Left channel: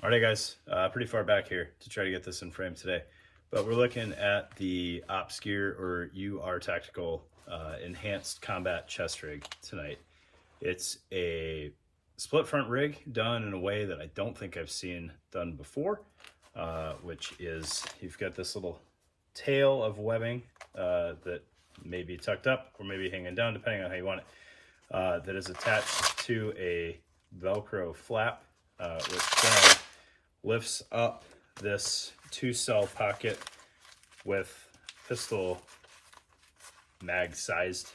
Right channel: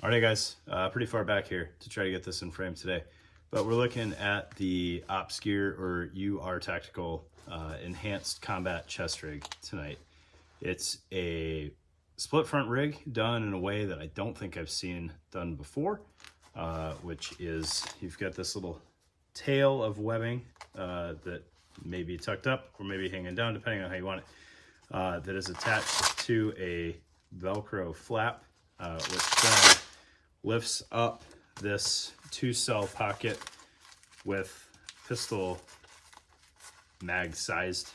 All right, guys, pretty far back here to try to get this in frame today, but we're looking at the Ops Gear or UR Tactical Enhanced Combat Chest Rig tonight. It's a split front rig done in a way that I don't think I've seen done before, which is you've got this little tail of webbing that may be tucked up or maybe hanging down, depending on how you want it, that is attached to a Velcro flap, which then lifts up this 2-cell pocket with pistol mag sized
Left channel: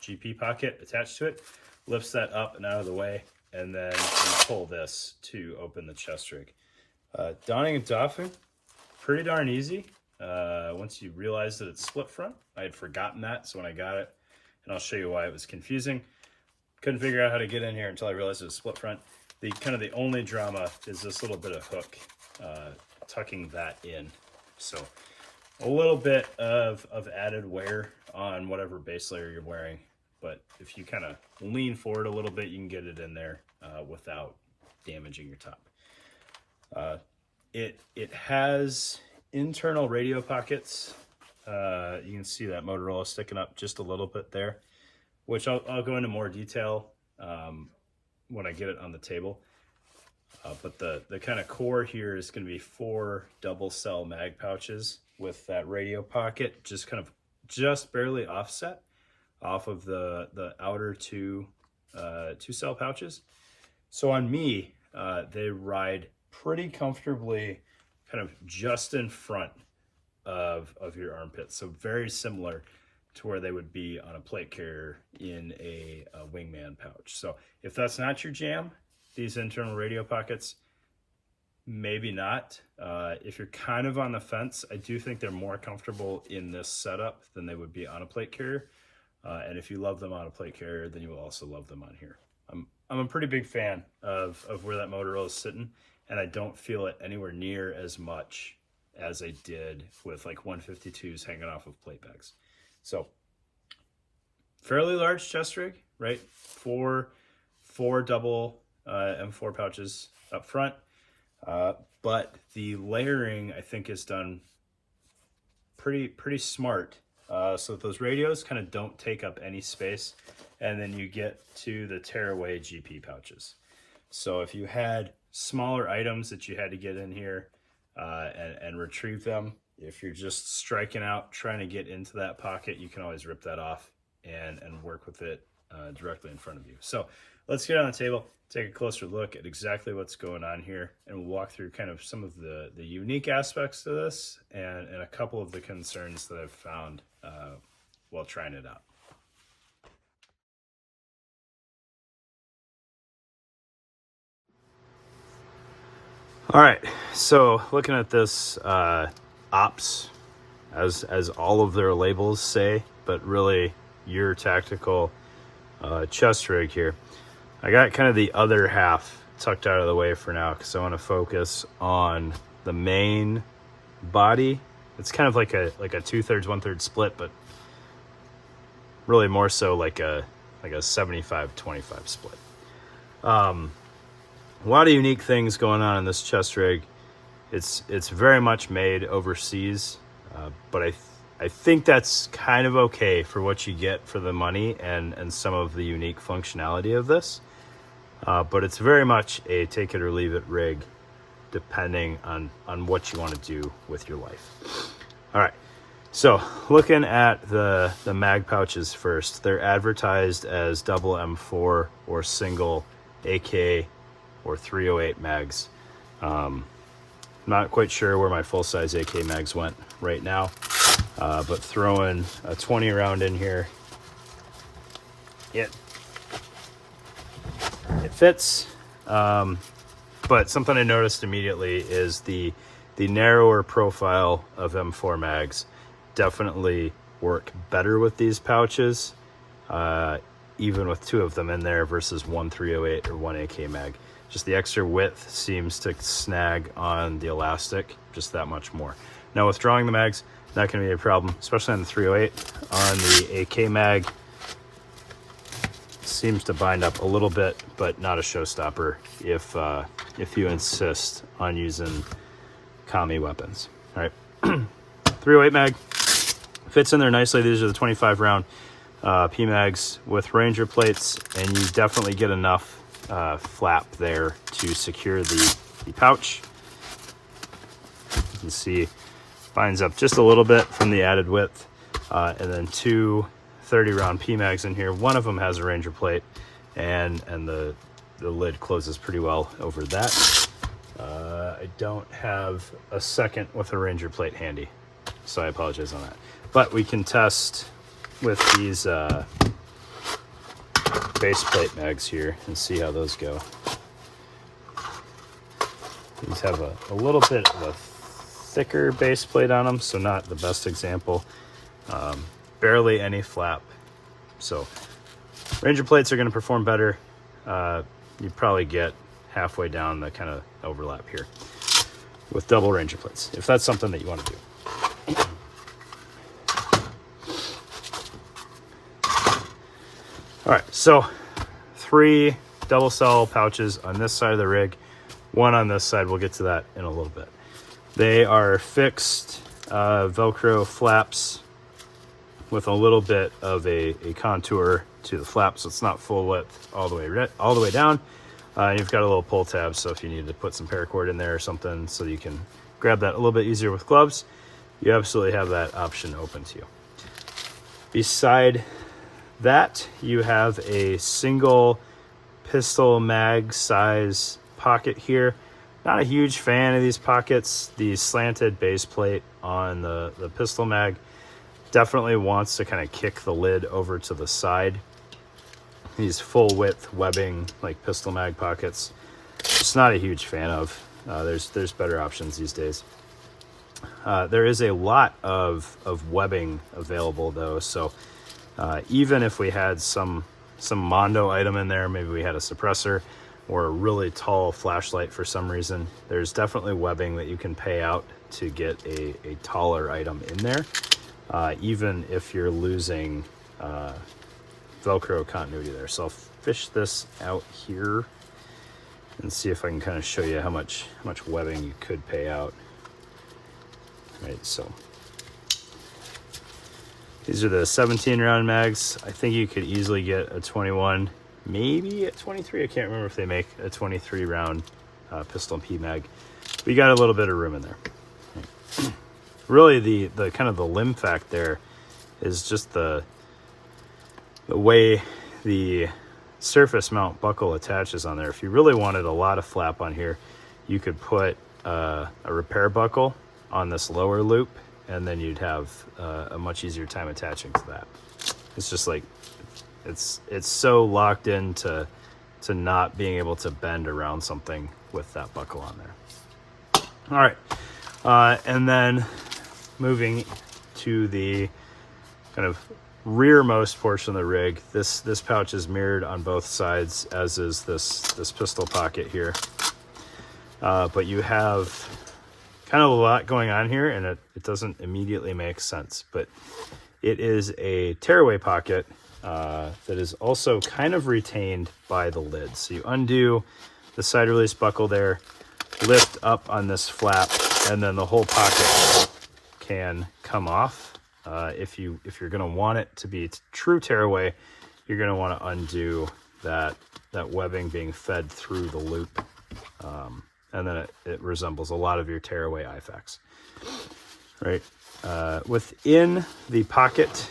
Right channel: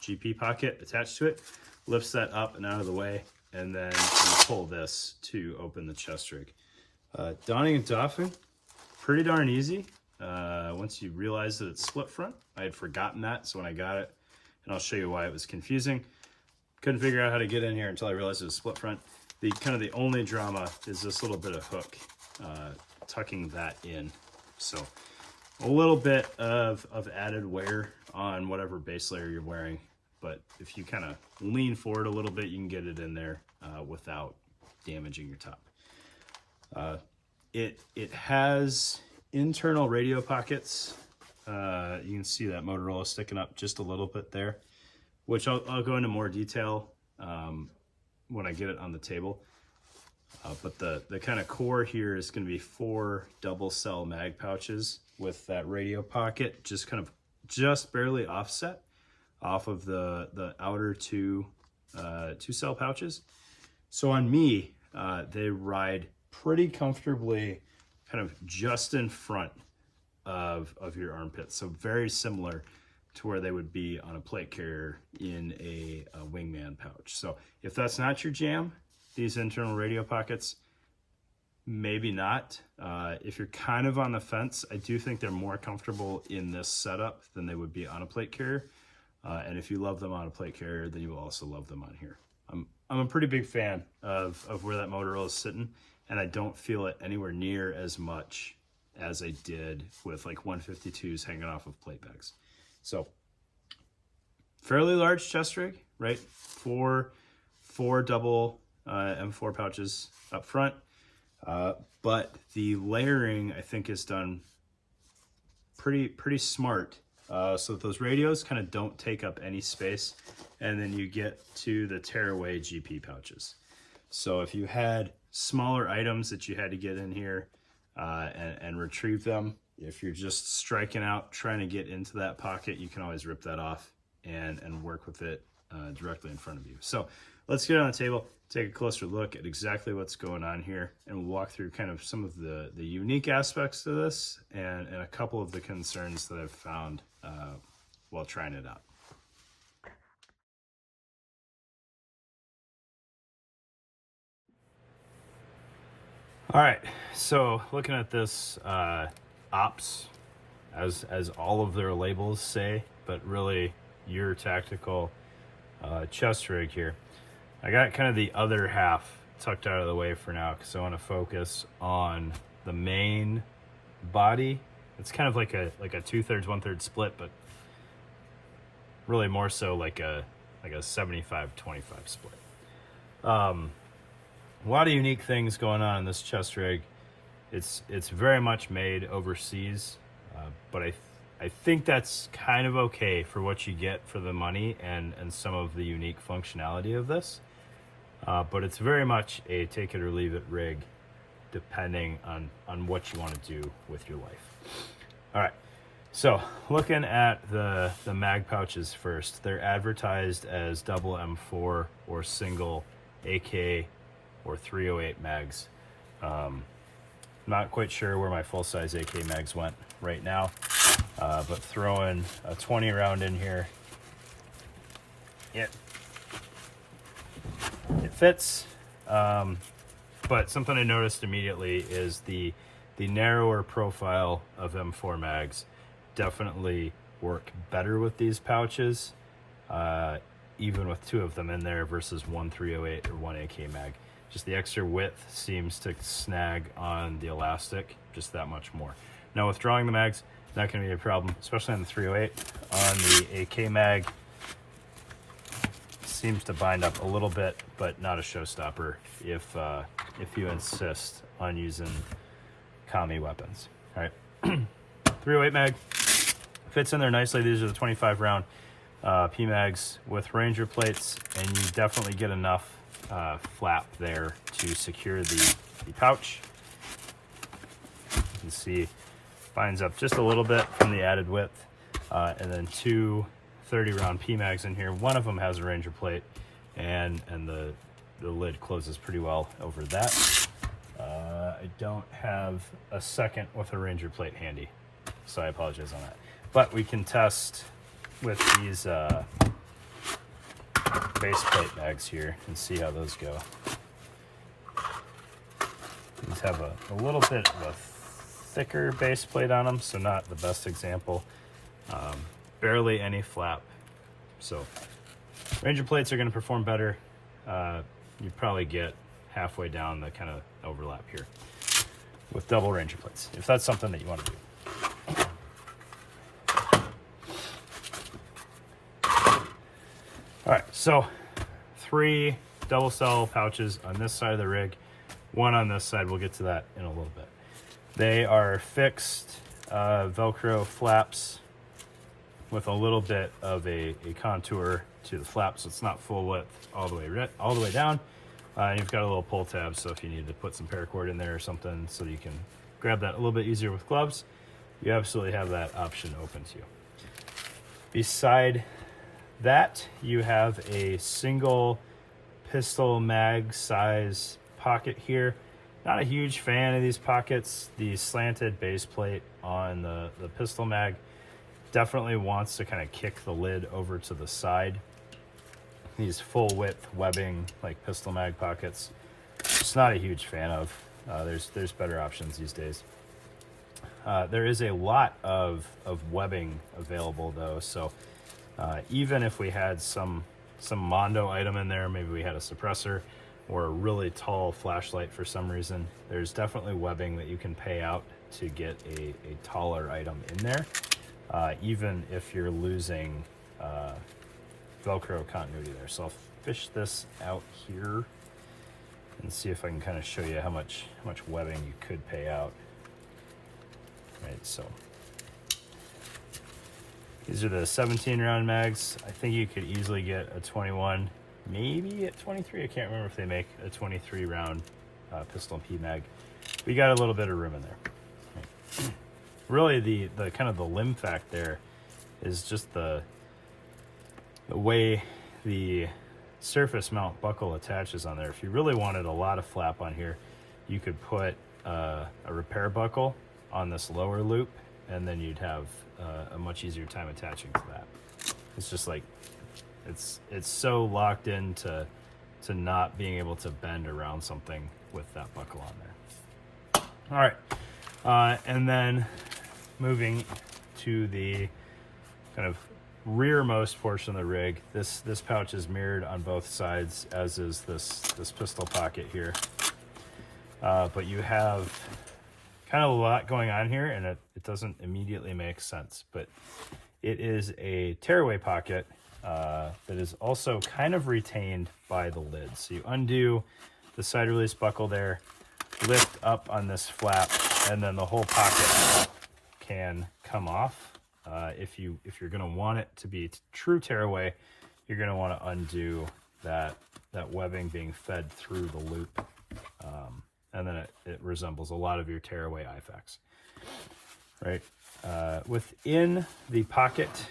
GP pocket attached to it, lifts that up and out of the way, and then you pull this to open the chest rig. Donning and doffing, pretty darn easy. Once you realize that it's split front, I had forgotten that, so when I got it, and I'll show you why it was confusing, couldn't figure out how to get in here until I realized it was split front. The only drama is this little bit of hook tucking that in. So a little bit of added wear on whatever base layer you're wearing, but if you kind of lean forward a little bit, you can get it in there without damaging your top. It has internal radio pockets. You can see that Motorola sticking up just a little bit there, which I'll go into more detail when I get it on the table. But the kind of core here is going to be 4 double cell mag pouches with that radio pocket just barely offset off of the outer 2 cell pouches. So on me, they ride pretty comfortably kind of just in front of your armpits. So very similar to where they would be on a plate carrier in a wingman pouch. So if that's not your jam, these internal radio pockets, maybe not. If you're kind of on the fence, I do think they're more comfortable in this setup than they would be on a plate carrier. And if you love them on a plate carrier, then you will also love them on here. I'm a pretty big fan of where that Motorola is sitting, and I don't feel it anywhere near as much as I did with like 152s hanging off of plate bags. So fairly large chest rig, right? Four double M4 pouches up front, but the layering I think is done pretty smart, so that those radios kind of don't take up any space, and then you get to the tearaway GP pouches. So if you had smaller items that you had to get in here and retrieve them, if you're just striking out trying to get into that pocket, you can always rip that off and work with it directly in front of you. So let's get on the table, take a closer look at exactly what's going on here, and we'll walk through kind of some of the unique aspects to this and a couple of the concerns that I've found while trying it out. All right, so looking at this Ops, as all of their labels say, but really your tactical chest rig here. I got kind of the other half tucked out of the way for now because I want to focus on the main body. It's kind of like a 2/3, 1/3 split, but really more so like a 75-25 split. A lot of unique things going on in this chest rig. It's very much made overseas, but I think that's kind of okay for what you get for the money and some of the unique functionality of this. But it's very much a take it or leave it rig, depending on what you want to do with your life. All right, so looking at the mag pouches first, they're advertised as double M4 or single AK or 308 mags. Not quite sure where my full-size AK mags went right now, but throwing a 20 round in here, it fits. But something I noticed immediately is the narrower profile of M4 mags definitely work better with these pouches, even with 2 of them in there versus 1 308 or 1 AK mag. Just the extra width seems to snag on the elastic just that much more. Now withdrawing the mags, not going to be a problem, especially on the 308. On the AK mag, seems to bind up a little bit, but not a showstopper if you insist on using Kami weapons. All right, 308 mag fits in there nicely. These are the 25 round PMags with Ranger plates, and you definitely get enough flap there to secure the pouch. You can see binds up just a little bit from the added width, and then two 30 round PMags in here. One of them has a Ranger plate, and the lid closes pretty well over that. I don't have a second with a Ranger plate handy, so I apologize on that. But we can test with these base plate mags here and see how those go. These have a little bit of a thicker base plate on them, so not the best example. Barely any flap. So Ranger plates are going to perform better. You probably get halfway down the kind of overlap here with double Ranger plates, if that's something that you want to do. All right, so 3 double cell pouches on this side of the rig, 1 on this side. We'll get to that in a little bit. They are fixed Velcro flaps with a little bit of a contour to the flap, so it's not full width all the way down. You've got a little pull tab, so if you need to put some paracord in there or something so you can grab that a little bit easier with gloves, you absolutely have that option open to you. Beside that, you have a single pistol mag size pocket here. Not a huge fan of these pockets. The slanted base plate on the pistol mag definitely wants to kind of kick the lid over to the side. These full width webbing like pistol mag pockets, just not a huge fan of. There's better options these days. There is a lot of webbing available though, so even if we had some Mondo item in there, maybe we had a suppressor or a really tall flashlight for some reason, there's definitely webbing that you can pay out to get a taller item in there, even if you're losing Velcro continuity there. So I'll fish this out here and see if I can kind of show you how much webbing you could pay out. All right, so these are the 17 round mags. I think you could easily get a 21, maybe a 23. I can't remember if they make a 23 round pistol and P mag. We got a little bit of room in there. Right. Really, the kind of the limb fact there is just the way the surface mount buckle attaches on there. If you really wanted a lot of flap on here, you could put a repair buckle on this lower loop, and then you'd have a much easier time attaching to that. It's just like it's so locked into not being able to bend around something with that buckle on there. All right, and then moving to the kind of rearmost portion of the rig, this pouch is mirrored on both sides, as is this pistol pocket here. But you have kind of a lot going on here, and it doesn't immediately make sense, but it is a tearaway pocket that is also kind of retained by the lid. So you undo the side release buckle there, lift up on this flap, and then the whole pocket can come off. If you're going to want it to be true tearaway, you're going to want to undo that webbing being fed through the loop, and then it resembles a lot of your tearaway IFAKs. Right, within the pocket,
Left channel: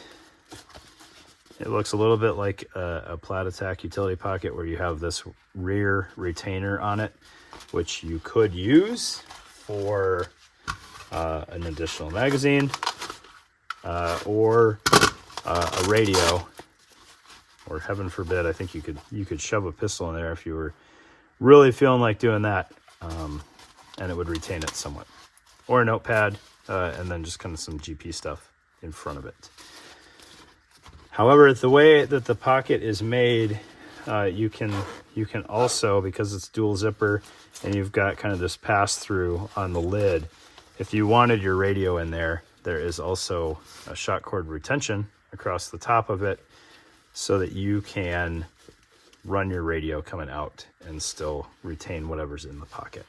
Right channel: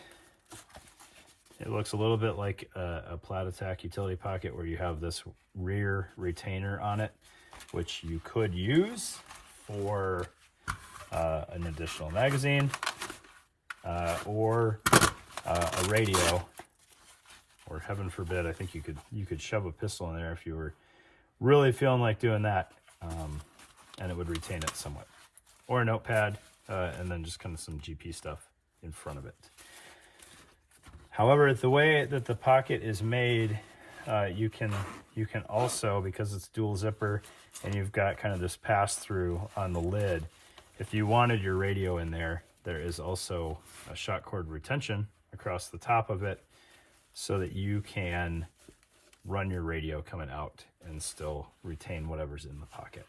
it looks a little bit like a Plat Attack utility pocket, where you have this rear retainer on it, which you could use for an additional magazine, or a radio, or heaven forbid, I think you could shove a pistol in there if you were really feeling like doing that, and it would retain it somewhat, or a notepad, and then just kind of some GP stuff in front of it. However, the way that the pocket is made, you can also, because it's dual zipper and you've got kind of this pass through on the lid, if you wanted your radio in there, there is also a shot cord retention across the top of it, so that you can run your radio coming out and still retain whatever's in the pocket.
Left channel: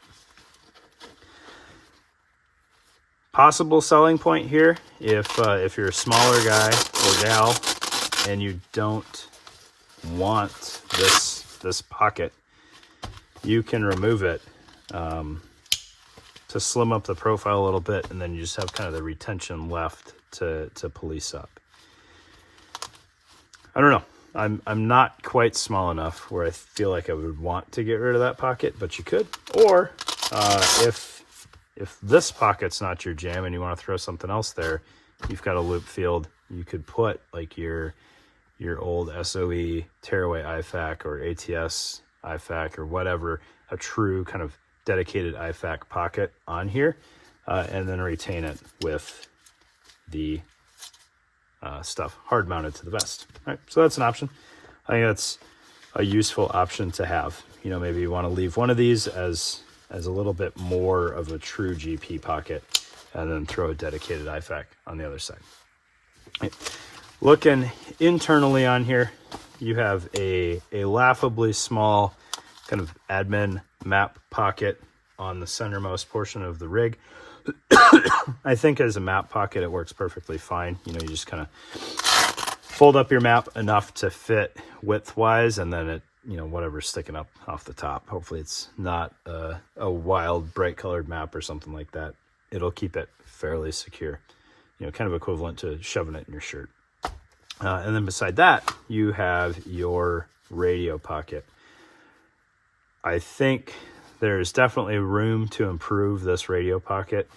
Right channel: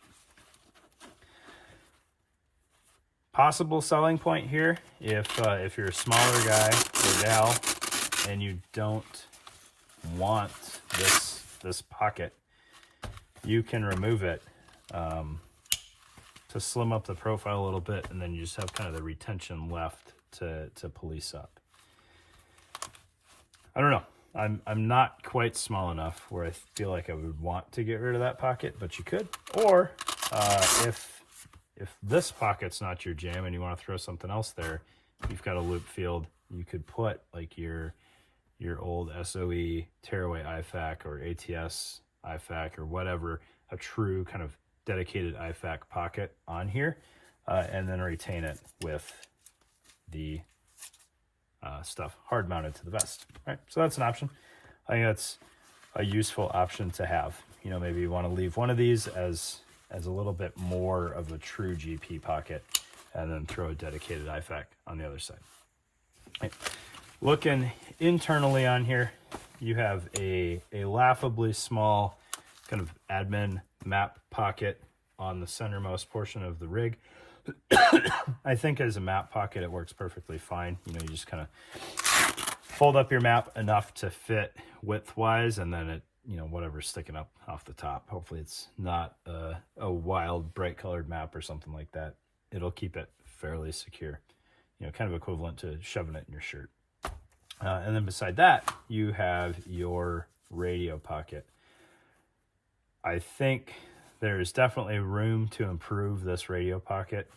Possible selling point here, if you're a smaller guy or gal and you don't want this pocket, you can remove it to slim up the profile a little bit, and then you just have kind of the retention left to police up. I don't know. I'm not quite small enough where I feel like I would want to get rid of that pocket, but you could. Or if this pocket's not your jam and you want to throw something else there, you've got a loop field. You could put like your old SOE tearaway IFAC or ATS IFAC or whatever, a true kind of dedicated IFAC pocket on here, and then retain it with the stuff hard mounted to the vest. All right, so that's an option. I think that's a useful option to have. You know, maybe you want to leave one of these as a little bit more of a true GP pocket, and then throw a dedicated IFAC on the other side. Okay. Looking internally on here, you have a laughably small kind of admin map pocket on the centermost portion of the rig. I think as a map pocket, it works perfectly fine. You know, you just kind of fold up your map enough to fit width-wise, and then it, you know, whatever's sticking up off the top. Hopefully it's not a wild, bright-colored map or something like that. It'll keep it fairly secure. You know, kind of equivalent to shoving it in your shirt. And then beside that, you have your radio pocket. I think there's definitely room to improve this radio pocket.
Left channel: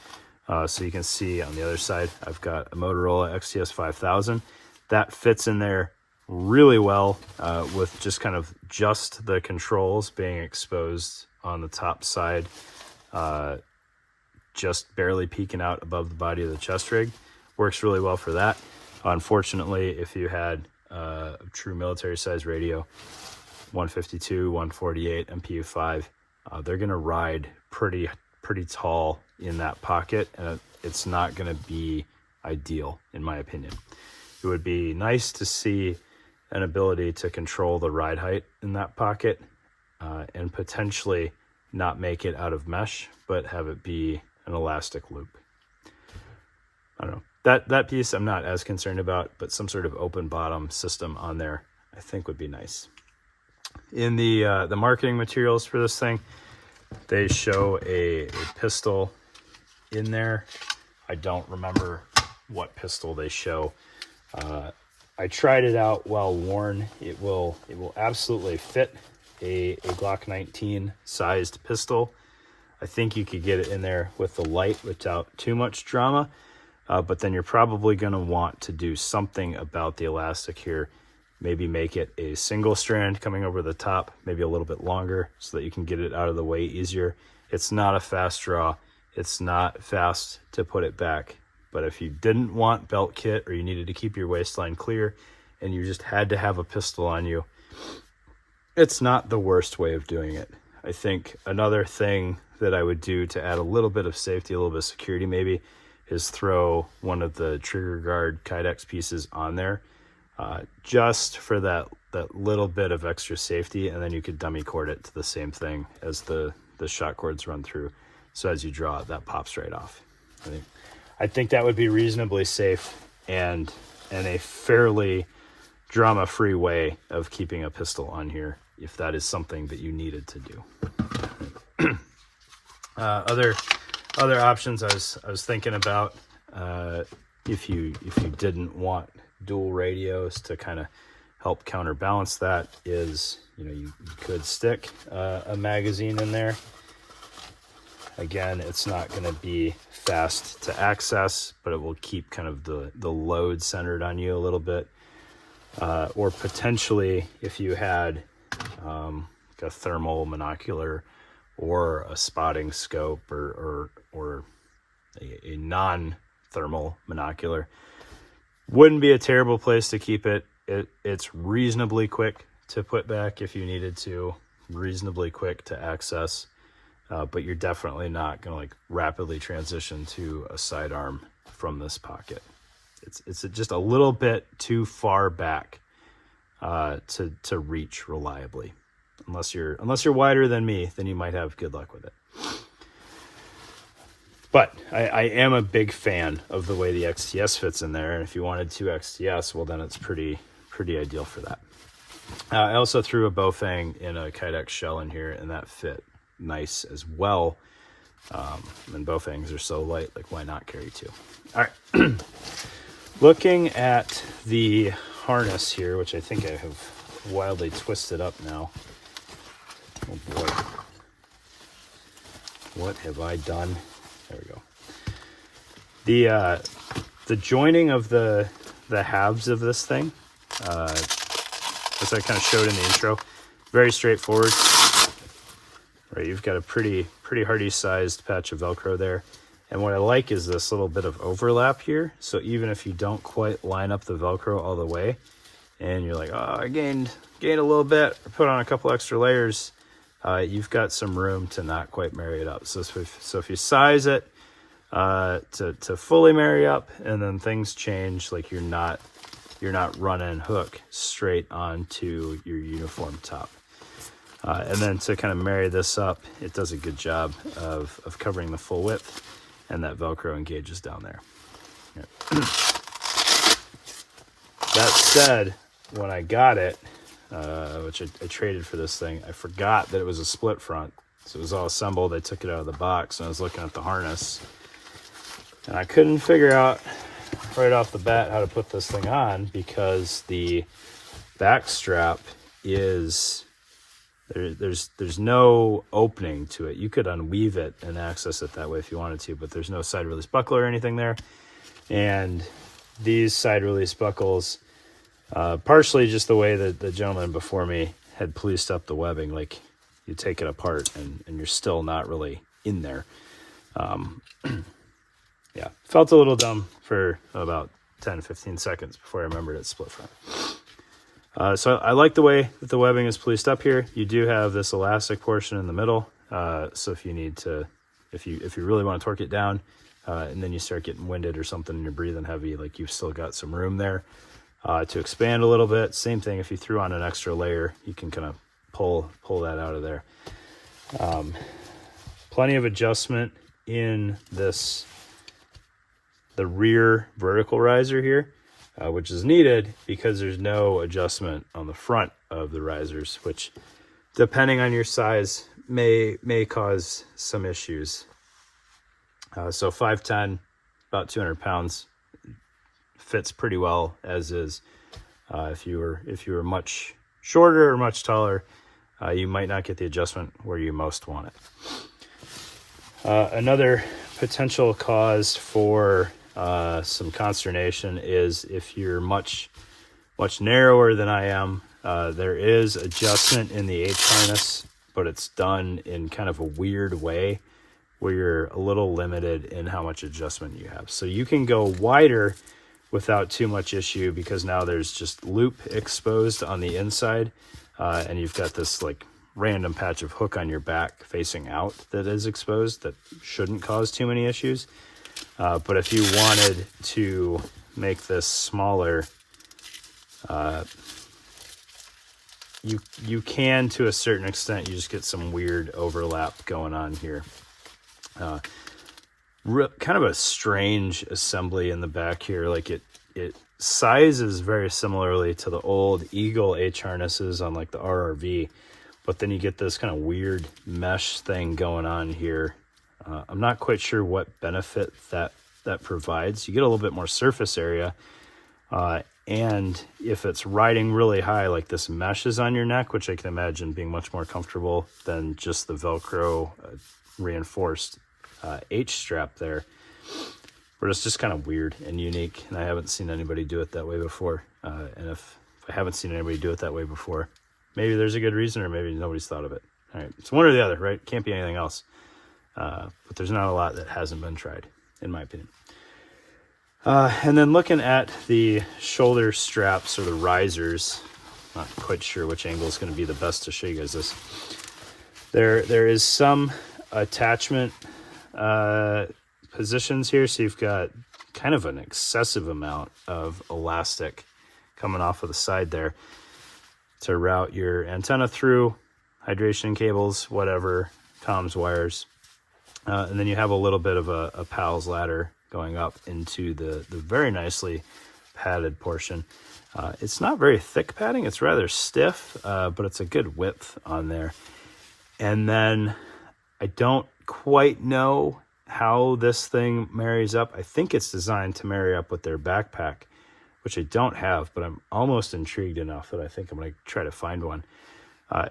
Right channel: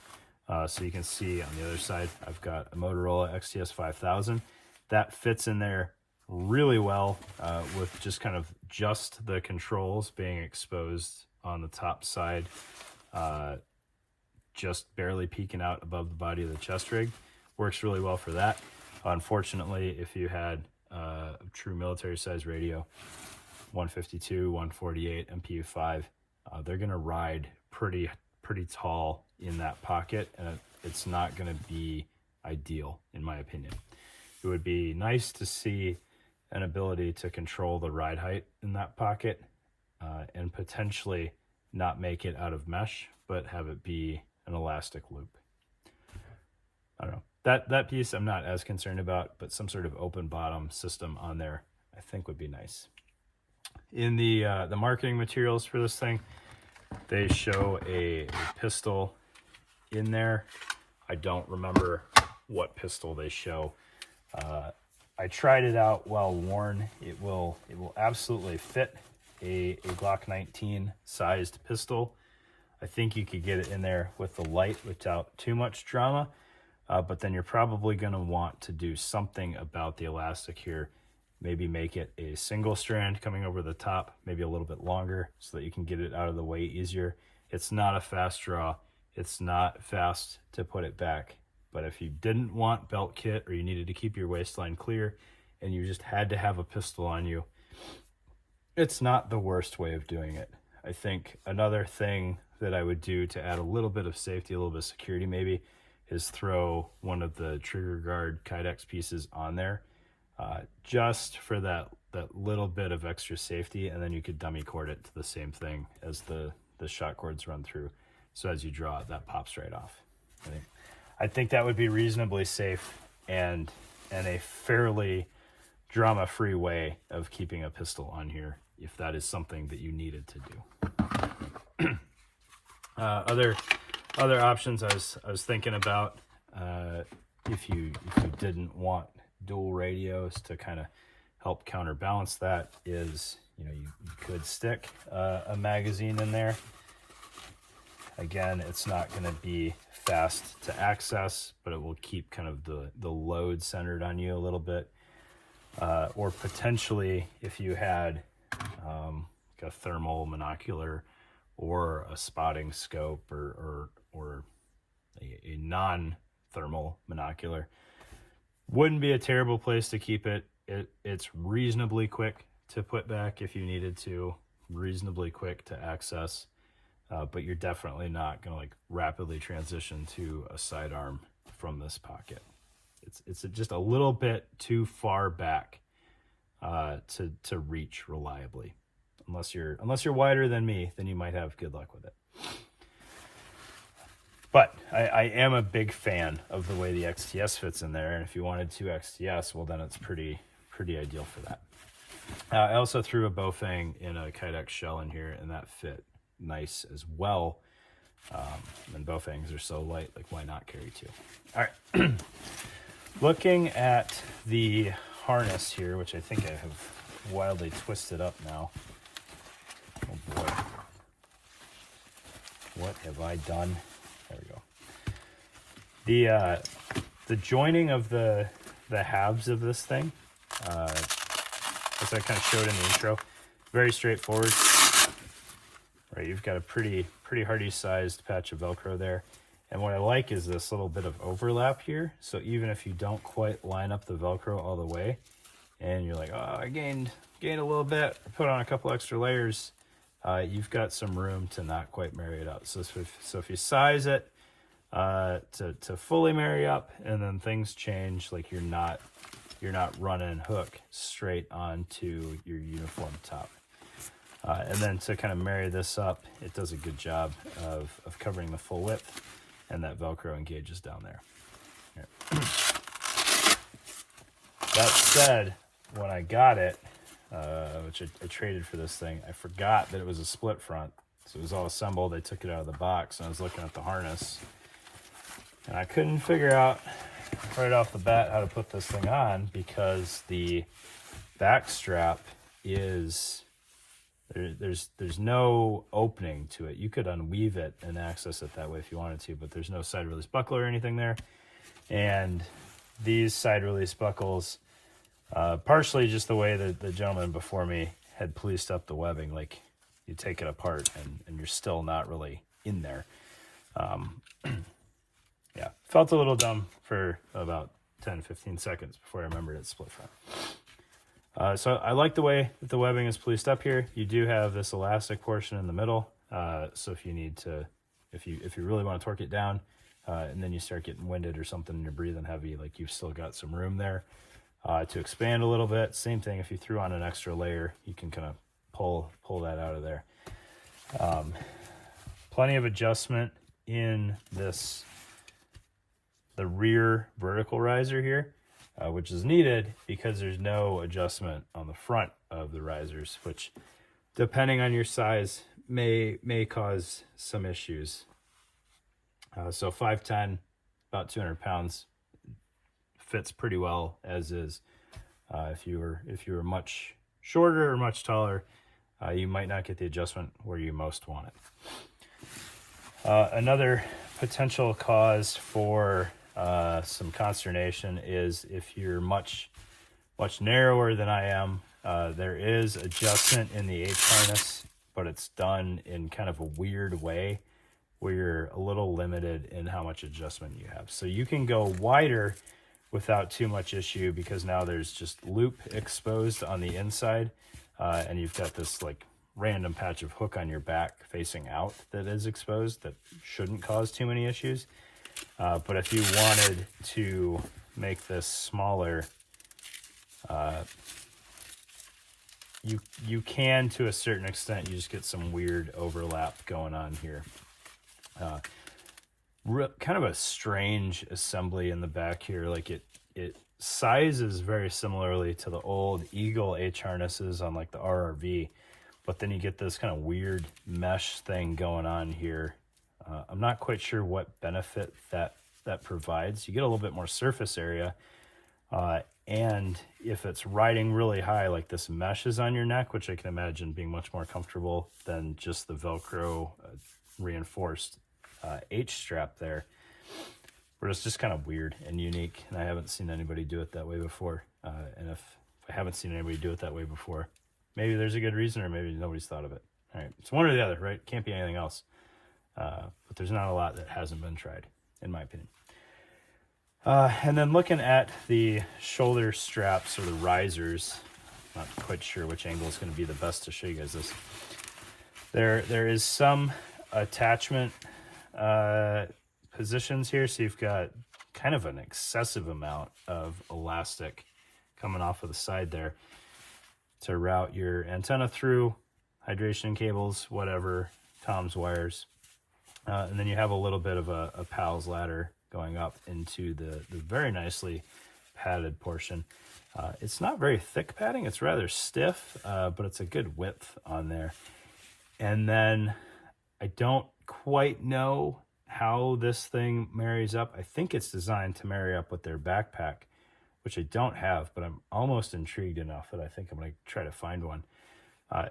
So you can see on the other side, I've got a Motorola XTS 5000. That fits in there really well with just kind of just the controls being exposed on the top side, just barely peeking out above the body of the chest rig. Works really well for that. Unfortunately, if you had a true military size radio, 152, 148, MPU-5, they're going to ride pretty tall in that pocket, and it's not going to be ideal, in my opinion. It would be nice to see an ability to control the ride height in that pocket, and potentially not make it out of mesh, but have it be an elastic loop. I don't know. That piece I'm not as concerned about, but some sort of open bottom system on there I think would be nice. In the marketing materials for this thing, they show a pistol in there. I don't remember what pistol they show. I tried it out while worn. It will absolutely fit a Glock 19 sized pistol. I think you could get it in there with the light without too much drama. But then you're probably going to want to do something about the elastic here. Maybe make it a single strand coming over the top, maybe a little bit longer so that you can get it out of the way easier. It's not a fast draw. It's not fast to put it back. But if you didn't want belt kit, or you needed to keep your waistline clear and you just had to have a pistol on you, it's not the worst way of doing it. I think another thing that I would do to add a little bit of safety, a little bit of security maybe, is throw one of the trigger guard Kydex pieces on there, just for that little bit of extra safety, and then you could dummy cord it to the same thing as the shot cords run through. So as you draw it, that pops right off. I think that would be reasonably safe and a fairly drama-free way of keeping a pistol on here, if that is something that you needed to do. Other options I was thinking about, if you didn't want dual radios to kind of help counterbalance that, is, you know, you could stick a magazine in there. Again, it's not going to be fast to access, but it will keep kind of the load centered on you a little bit. Or potentially, if you had like a thermal monocular or a spotting scope, or a non-thermal monocular, wouldn't be a terrible place to keep it. It's reasonably quick to put back if you needed to, reasonably quick to access, but you're definitely not going to like rapidly transition to a sidearm from this pocket. It's just a little bit too far back to reach reliably. Unless you're wider than me, then you might have good luck with it. But I am a big fan of the way the XTS fits in there, and if you wanted 2 XTS, well, then it's pretty ideal for that. I also threw a Bofang in a Kydex shell in here, and that fit nice as well. And Bofangs are so light, like why not carry 2? All right. Looking at the harness here, which I think I have wildly twisted up now. Oh boy. What have I done? There we go. The joining of the halves of this thing, as I kind of showed in the intro, very straightforward. Right, you've got a pretty hardy sized patch of Velcro there. And what I like is this little bit of overlap here. So even if you don't quite line up the Velcro all the way, and you're like, oh, I gained a little bit, put on a couple extra layers, you've got some room to not quite marry it up. So if you size it to fully marry up, and then things change, like you're not running hook straight onto your uniform top. And then to kind of marry this up, it does a good job of covering the full width, and that Velcro engages down there. Yep. That said, when I got it, which I traded for this thing, I forgot that it was a split front. So it was all assembled. I took it out of the box, and I was looking at the harness. And I couldn't figure out right off the bat how to put this thing on, because the back strap is... There's no opening to it. You could unweave it and access it that way if you wanted to, but there's no side release buckle or anything there. And these side release buckles, partially just the way that the gentleman before me had policed up the webbing, like you take it apart and you're still not really in there. Yeah, felt a little dumb for about 10-15 seconds before I remembered it's split front. So I like the way that the webbing is policed up here. You do have this elastic portion in the middle. So if you need to, if you really want to torque it down, and then you start getting winded or something and you're breathing heavy, like you've still got some room there to expand a little bit. Same thing, if you threw on an extra layer, you can kind of pull that out of there. Plenty of adjustment in the rear vertical riser here. Which is needed because there's no adjustment on the front of the risers, which, depending on your size, may cause some issues. So 5'10", about 200 pounds, fits pretty well as is. If you were much shorter or much taller, you might not get the adjustment where you most want it. Another potential cause for some consternation is if you're much narrower than I am. There is adjustment in the H harness, but it's done in kind of a weird way where you're a little limited in how much adjustment you have. So you can go wider without too much issue, because now there's just loop exposed on the inside, and you've got this like random patch of hook on your back facing out that is exposed that shouldn't cause too many issues. But if you wanted to make this smaller, you can, to a certain extent. You just get some weird overlap going on here. Kind of a strange assembly in the back here. Like it sizes very similarly to the old Eagle H harnesses on like the RRV, but then you get this kind of weird mesh thing going on here. I'm not quite sure what benefit that provides. You get a little bit more surface area, and if it's riding really high, like this mesh is on your neck, which I can imagine being much more comfortable than just the Velcro reinforced H strap there. But it's just kind of weird and unique, and I haven't seen anybody do it that way before. And if I haven't seen anybody do it that way before, maybe there's a good reason, or maybe nobody's thought of it. All right, it's one or the other, right? Can't be anything else. But there's not a lot that hasn't been tried, in my opinion. And then looking at the shoulder straps or the risers, not quite sure which angle is going to be the best to show you guys this. There is some attachment positions here, so you've got kind of an excessive amount of elastic coming off of the side there. to route your antenna through, hydration cables, whatever, comms wires. And then you have a little bit of a PALS ladder going up into the very nicely padded portion. It's not very thick padding, it's rather stiff, but it's a good width on there. And then I don't quite know how this thing marries up. I think it's designed to marry up with their backpack, which I don't have, but I'm almost intrigued enough that I think I'm going to try to find one.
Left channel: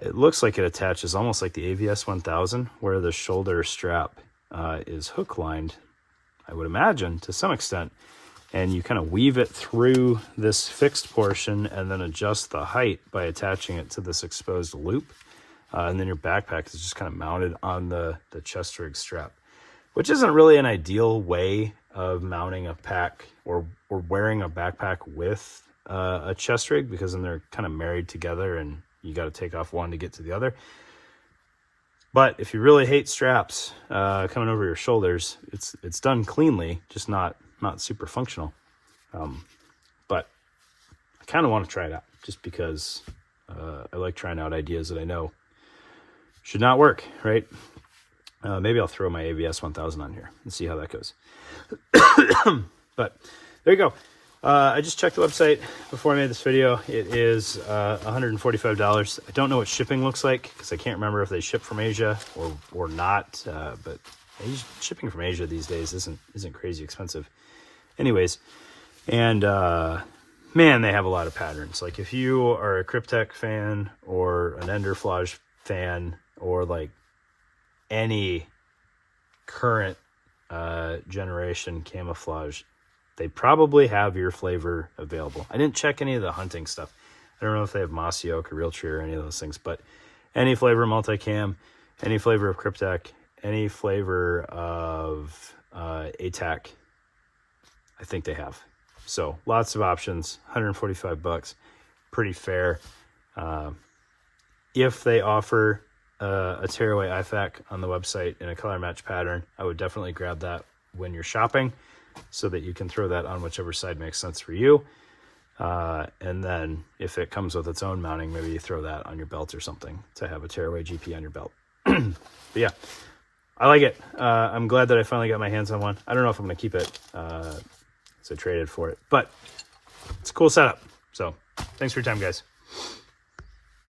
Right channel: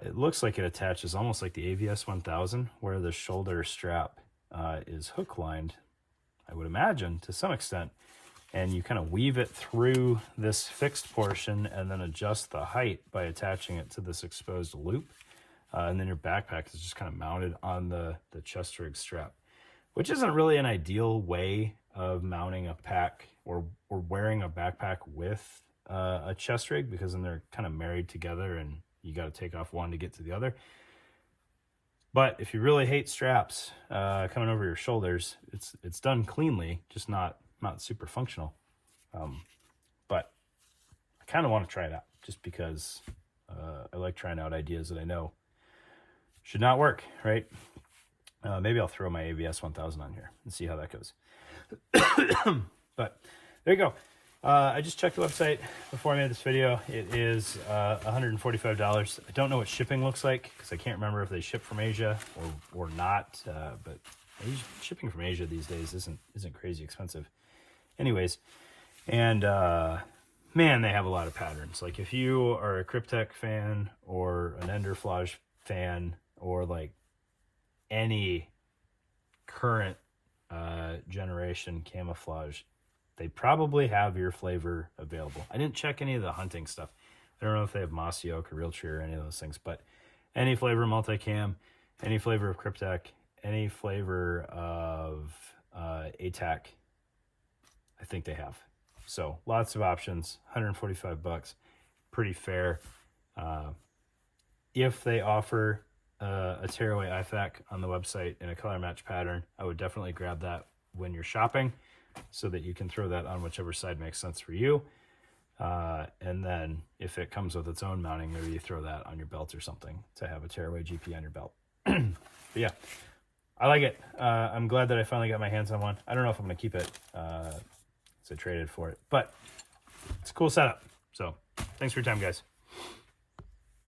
It looks like it attaches almost like the AVS 1000, where the shoulder strap is hook lined, I would imagine, to some extent. And you kind of weave it through this fixed portion and then adjust the height by attaching it to this exposed loop. And then your backpack is just kind of mounted on the chest rig strap, which isn't really an ideal way of mounting a pack or wearing a backpack with a chest rig, because then they're kind of married together and you got to take off one to get to the other. But if you really hate straps coming over your shoulders, it's done cleanly, just not super functional. But I kind of want to try it out just because I like trying out ideas that I know should not work, right? Maybe I'll throw my AVS 1000 on here and see how that goes. But there you go. I just checked the website before I made this video. It is $145. I don't know what shipping looks like because I can't remember if they ship from Asia or not. But shipping from Asia these days isn't crazy expensive. Anyways, and man, they have a lot of patterns. Like if you are a Kryptek fan or an Enderflage fan or like any current generation camouflage, they probably have your flavor available. I didn't check any of the hunting stuff. I don't know if they have Mossy Oak or Realtree or any of those things, but any flavor multicam, any flavor of Kryptek, any flavor of ATAC, I think they have. So lots of options, $145, pretty fair. If they offer a tearaway IFAK on the website in a color match pattern, I would definitely grab that when you're shopping so that you can throw that on whichever side makes sense for you. And then if it comes with its own mounting, maybe you throw that on your belt or something to have a tearaway GP on your belt. But yeah, I like it. I'm glad that I finally got my hands on one. I don't know if I'm going to keep it, so I traded for it, but it's a cool setup. So thanks for your time, guys.